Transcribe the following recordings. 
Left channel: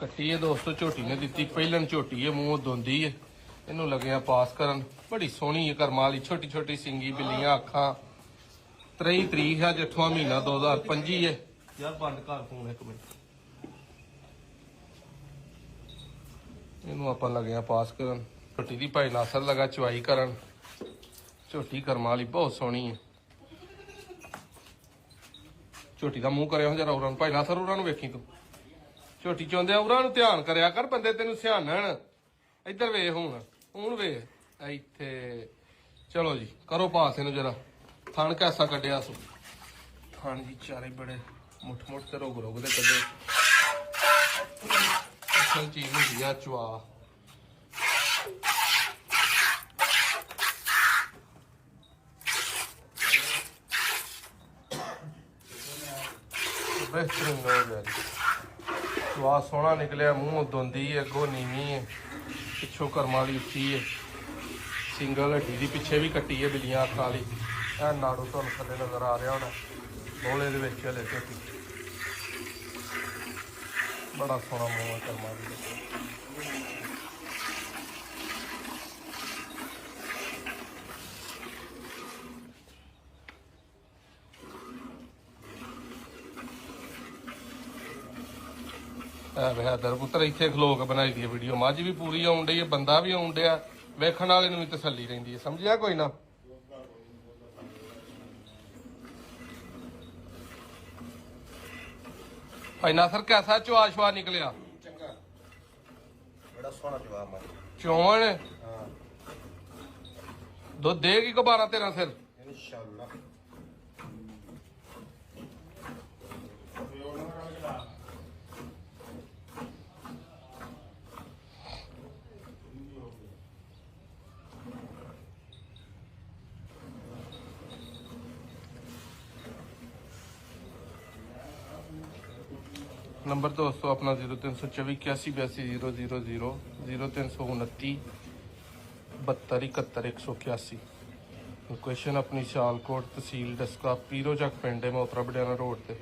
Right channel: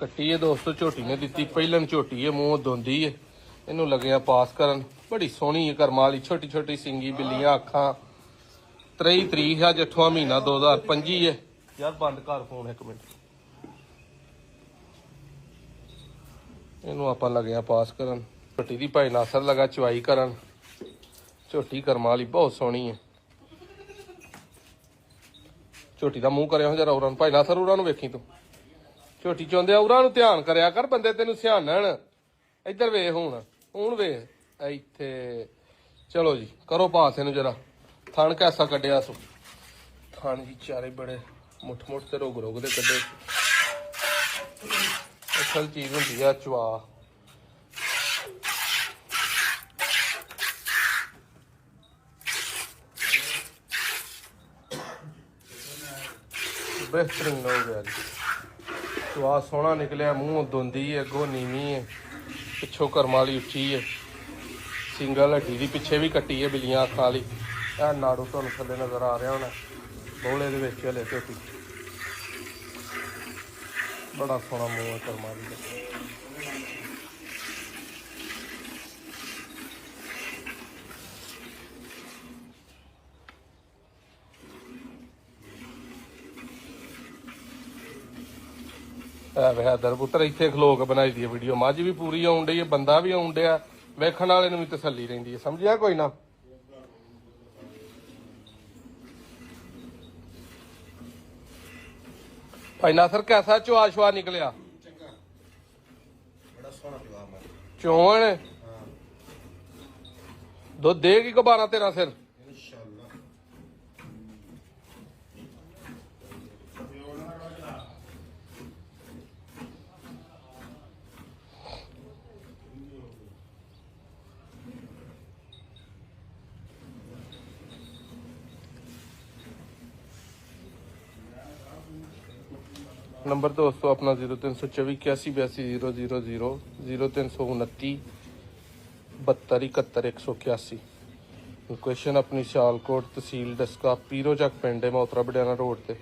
ਕੱਟੀ ਹੈ ਦੋਸਤੋ, ਝੋਟੀ ਨੇ ਦਿੱਤੀ ਪਹਿਲਨ ਝੋਟੀ ਹੈ, ਮੂੰਹ ਧੁੰਦੀ ਹੈ। ਇਹਨੂੰ ਲੱਗਿਆ ਪਾਸ ਕਰਨ, ਬੜੀ ਸੋਹਣੀ ਹੈ ਕਰਮਾਂ ਵਾਲੀ, ਛੋਟੀ ਛੋਟੀ ਸਿੰਗੀ ਬਿੱਲੀਆਂ ਅੱਖਾਂ। 23 ਤਰੀਕ ਹੈ, 8ਵਾਂ ਮਹੀਨਾ 2025 ਹੈ। ਯਾਰ ਬੰਦ ਕਰ ਫੋਨ ਇੱਕ ਮਿੰਟ। ਇਹਨੂੰ ਆਪਾਂ ਲੱਗਿਆ ਪਾਸ ਕਰਨ। ਝੋਟੀ ਦੀ ਭਾਈ ਨਾਸਰ ਲਗਾ ਚਵਾਈ ਕਰਨ। ਝੋਟੀ ਕਰਮਾਂ ਵਾਲੀ ਬਹੁਤ ਸੋਹਣੀ ਹੈ। ਝੋਟੀ ਦਾ ਮੂੰਹ ਕਰਿਆ ਜਰਾ ਉਹਨਾਂ ਨੂੰ, ਭਾਈ ਨਾਸਰ ਉਹਨਾਂ ਨੂੰ ਵੇਖੀ ਤੂੰ। ਝੋਟੀ ਚਾਹੁੰਦੇ ਆ ਉਹਨਾਂ ਨੂੰ ਧਿਆਨ ਕਰਿਆ ਕਰ, ਬੰਦੇ ਤੈਨੂੰ ਸਿਆਣਨ। ਇੱਧਰ ਵੇਖ ਹੁਣ ਵੇਖ ਇੱਥੇ। ਚਲੋ ਜੀ ਕਰੋ ਪਾਸ ਇਹਨੂੰ ਜਰਾ। ਥਣ ਕੈਸਾ ਕੱਢਿਆ ਸੀ, ਥਣ ਵਿਚਾਰੇ ਬੜੇ ਮੁੱਠ ਮੁੱਠ ਤੇ ਰੋਗ ਦੇ ਕੱਢੇ। ਅਸਲ ਚੀਜ਼ ਹੁੰਦੀ ਆ ਚਵਾ। ਬਿਹਤਰ ਹੋ ਰਿਹਾ ਚਵਾ, ਸੋਹਣਾ ਨਿਕਲਿਆ, ਮੂੰਹ ਧੁੰਦੀ ਹੈ, ਅੱਗੋਂ ਨੀਵੀਂ ਹੈ, ਪਿੱਛੋਂ ਕਰਮਾਂ ਵਾਲੀ ਉੱਚੀ ਹੈ, ਸਿੰਗਲ ਹੱਡੀ ਦੀ ਪਿੱਛੇ ਵੀ ਕੱਟੀ ਹੈ ਬਿੱਲੀਆਂ ਅੱਖਾਂ ਵਾਲੀ। ਇਹ ਨਾੜੂ ਤੁਹਾਨੂੰ ਥੱਲੇ ਨਜ਼ਰ ਆ ਰਿਹਾ ਹੋਣਾ, ਦੋਲੇ ਦੇ ਵਿੱਚ ਹਲੇ ਝੋਟੀ ਬੜਾ ਸਾਰਾ ਪੁੱਤਰ। ਇੱਥੇ ਖਲੋਕ ਬਣਾਈ ਦੀ ਵੀਡੀਓ, ਮੱਝ ਵੀ ਪੂਰੀ ਆਉਣ ਡਈ ਹੈ, ਬੰਦਾ ਵੀ ਆਉਣ ਡਿਆ, ਵੇਖਣ ਵਾਲੇ ਨੂੰ ਵੀ ਤਸੱਲੀ ਰਹਿੰਦੀ ਹੈ। ਸਮਝਿਆ ਕੋਈ ਨਾ। ਪਹਿਲਾਂ ਫਿਰ ਕੈਸਾ ਚੁਆਲ ਸਵਾਦ ਨਿਕਲਿਆ? ਚੰਗਾ, ਬੜਾ ਸੋਹਣਾ ਜਵਾਬ ਮਾਰ ਚੋਲ। ਹਾਂ, ਦੁੱਧ ਦੇਗੀ ਦੁਬਾਰਾ ਤੇਰਾ ਫਿਰ ਇਨਸ਼ਾਅੱਲਾ। नंबर दोस्तों अपना 0324 81 82 000 0329 72 71 181। लोकेशन अपनी सियालकोट, तहसील दस्का, पीरो चक पिंड है, मोतरा बडियाना रोड पे,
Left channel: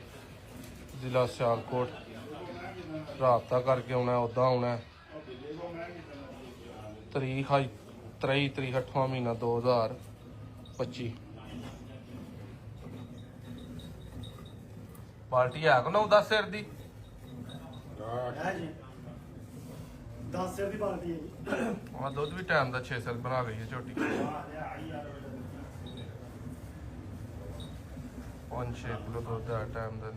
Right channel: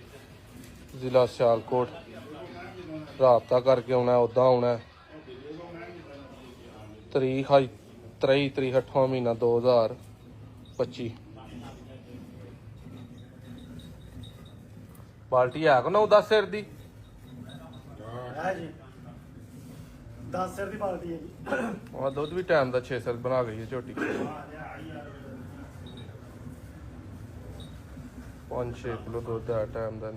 जिला सियालकोट। राबता करके आना, उदा आना। तरीक है 23 तरीक 8वां महीना 2025। बाल्टी है को ना 10 सिर दी ਹੈ ਜੀ 10 ਸਿਰ ਦੀ ਬਾਲਟੀ ਹੈ ਜੀ। और दुध भी टाइम का 6 सिर बना गई है झोटी। 5-6 किलो दुध है टाइम का।